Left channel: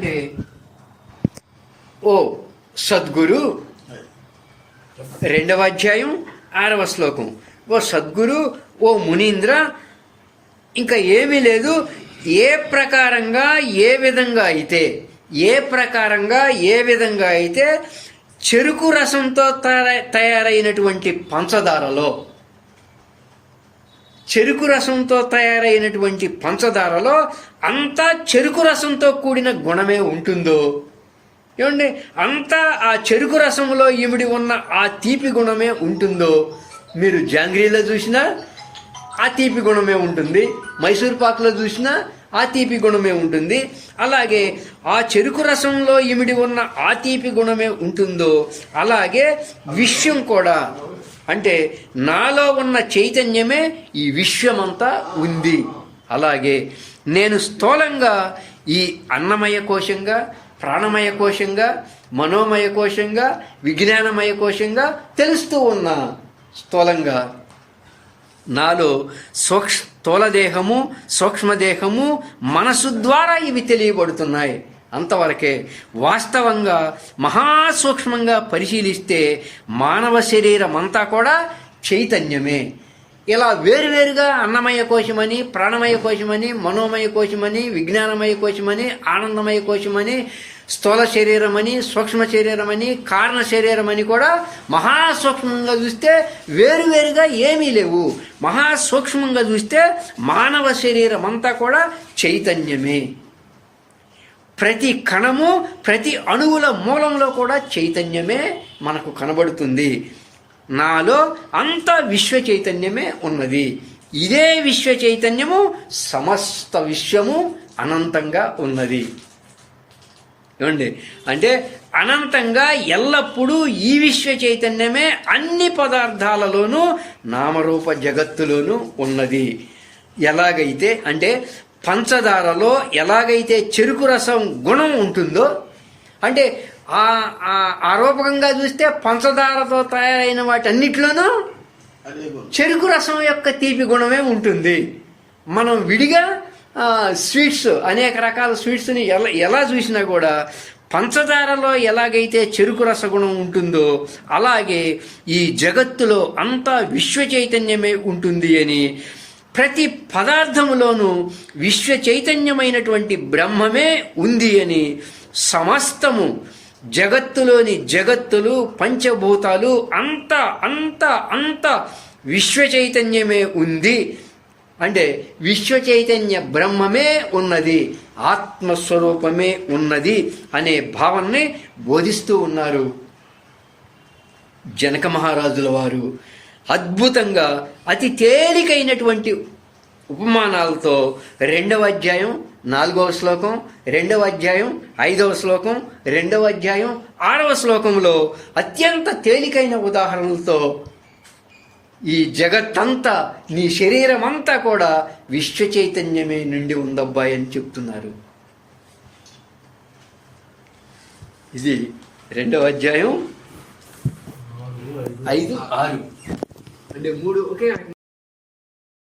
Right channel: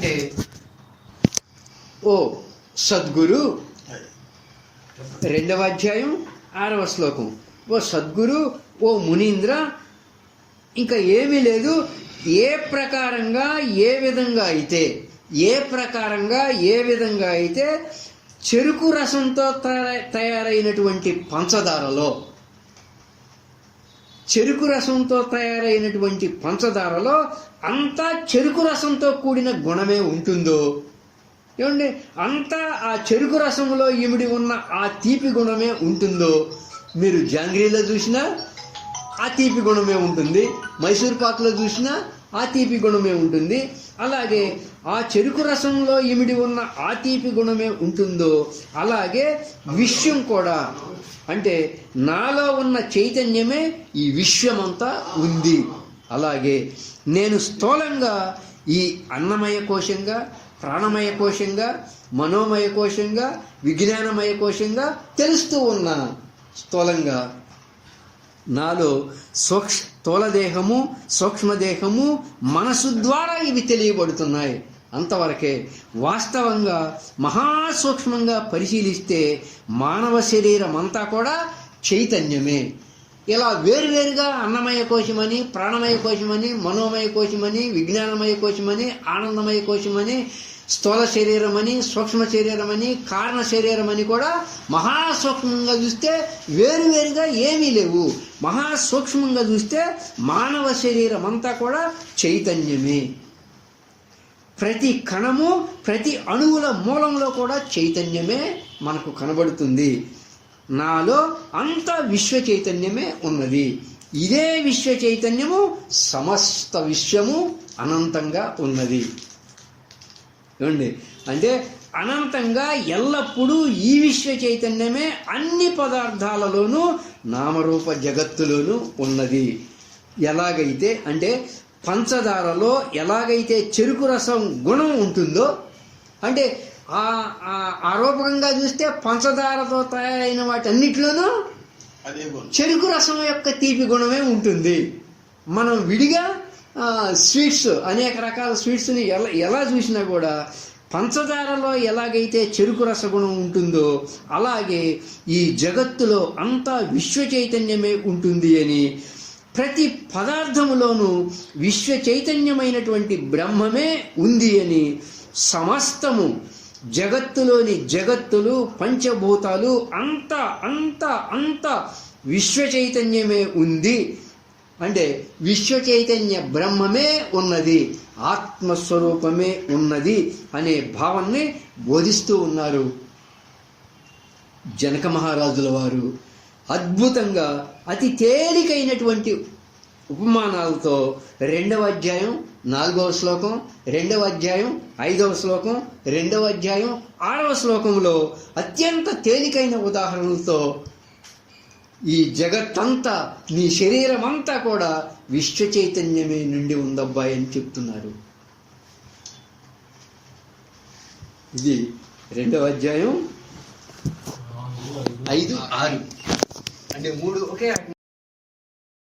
అంటే ఓ సద్గురు, 2వ అధ్యాయం 6వ శ్లోకం, ఓ సద్గురు, ఓ మునీంద్ర, ఇంకా ఏమీ లేదు. ఏ ప్రకారంగా ఏ విధంగా అయితే చెరుకు రసంతో తయారైనటువంటి పంచదారలో అంతా చెరుకు రసంతో కూడిన గుణమే ఉంటుందో, ఏమండి, అంతా ఆ చెరుకు రసంలో ఇమిడి ఉన్న ఆ తీపి గుణమే ఉంటుందో, మీరు జాంగ్రీలో చూసినా ఆ తీపి గుణమే ఉంటుంది, మైసూర్ పాకులో చూసినా ఆ తీపి గుణమే ఉంటుంది. అలాగే ఆ చెరుకు రసంలో ఇమిడి ఉన్న ఆ తీపి గుణమే ఉంటుందో, అలాగే విశ్వం కూడా, అంటే నాలో ఉన్న చైతన్యమే ఈ విశ్వమంతా ఉంది. అలాగే నేను స్థూలంగా ఈ అన్నమయ కోశంగా, ప్రాణమయ కోశంగా, మనోమయ కోశంగా, విజ్ఞానమయ కోశంగా తెలుస్తూ ఉన్నా. స్థూలంగా నాలో స్థూలదేహము, సూక్ష్మదేహము, మనసు ద్వారా ఇవి తెలియబడుతున్నాయి. అంతవరకే. వాస్తవంగా మహాసూక్ష్మంగా పరిశీలిస్తే మానవ శరీరం అంతా కూడా చైతన్యమే. ఇలా వేరువేరుగా అన్నమయ కోశమని, ప్రాణమయ కోశమని, మనోమయ కోశమని, విజ్ఞానమయ కోశమని, ఆనందమయ కోశమని, స్థూల శరీరమని, సూక్ష్మ శరీరమని, కారణ శరీరమని కూడా మహాసూక్ష్మంగా చూస్తే వేరువేరుగా ఏమీ లేవు. మహాసూక్ష్మంగా చూస్తే మానవ శరీరం అంతా కూడా చైతన్యమే. ప్రతి కణము, ప్రతి అణువుల మూలంలో కూడా చైతన్యమే మనకు కనబడుతుంది. నాలో అంత విశ్వ చైతన్యమే ఉన్నది. ఇదే విశ్వ చైతన్యము సమస్త విశ్వము అనంతంగా ఉన్నది. ఏమండి, అంటే అనంతంగా ఎల్లప్పుడూ ఈ విశ్వ చైతన్యమే అన్ని పదార్థాలలోనూ, నామరూప జగత్తులోనూ ఉన్నది. ఎలాగైతే అంటే పంచదారలో ఎలాగైతే చెరుకు రసం గుణం ఉంటుందో, అంటే ఆ రూపకంగా చూస్తే పంచదారతో తయారైన వాటన్నిటిలోనూ చెరుకు రసం యొక్క తీపి గుణమే ఉంటుంది. మనం విడిగా స్వీట్స్, అనేక రకాల స్వీట్స్ని ఎలా చూసినా కూడా పంచదారలో ఎలాగైతే చెరుకు రసగుణం ఉంటుందో, అలాగే ఈ జగత్తులో అంతా విశ్వ చైతన్యమే ఉంటుంది అని, ప్రతి పదార్థములోనూ విశ్వ చైతన్యమైనటువంటి బ్రహ్మమే ఉంది అని, సమస్తము జగత్తులోని జగత్తులు, పంచభూతాలు అంత అంత అంత విశ్వ చైతన్యమే ఉంది. అంటే విశ్వ చైతన్య బ్రహ్మమే ఉన్నది, ఆత్మస్వరూపమే ఉన్నది అనే భావాన్ని బోధిస్తూ ఉన్నారు జనక మహారాజుల వారు. అద్భుతంగా అతి తేలికైనటువంటి ఉపమానాలతో 2వ అధ్యాయం 4వ శ్లోకం, 2వ అధ్యాయం 5వ శ్లోకం, 2వ అధ్యాయం 6వ శ్లోకంలో అత్యంత తేలికైన ఉదాహరణలతో ఈ జగత్తంతా, నీ శరీరం అంతా కూడా విశ్వ చైతన్యమే నిండి ఉందబ్బాయి అని చెప్తున్నారు. ఇది 2వ అధ్యాయం 5, 6 అంటే 3 ఒకే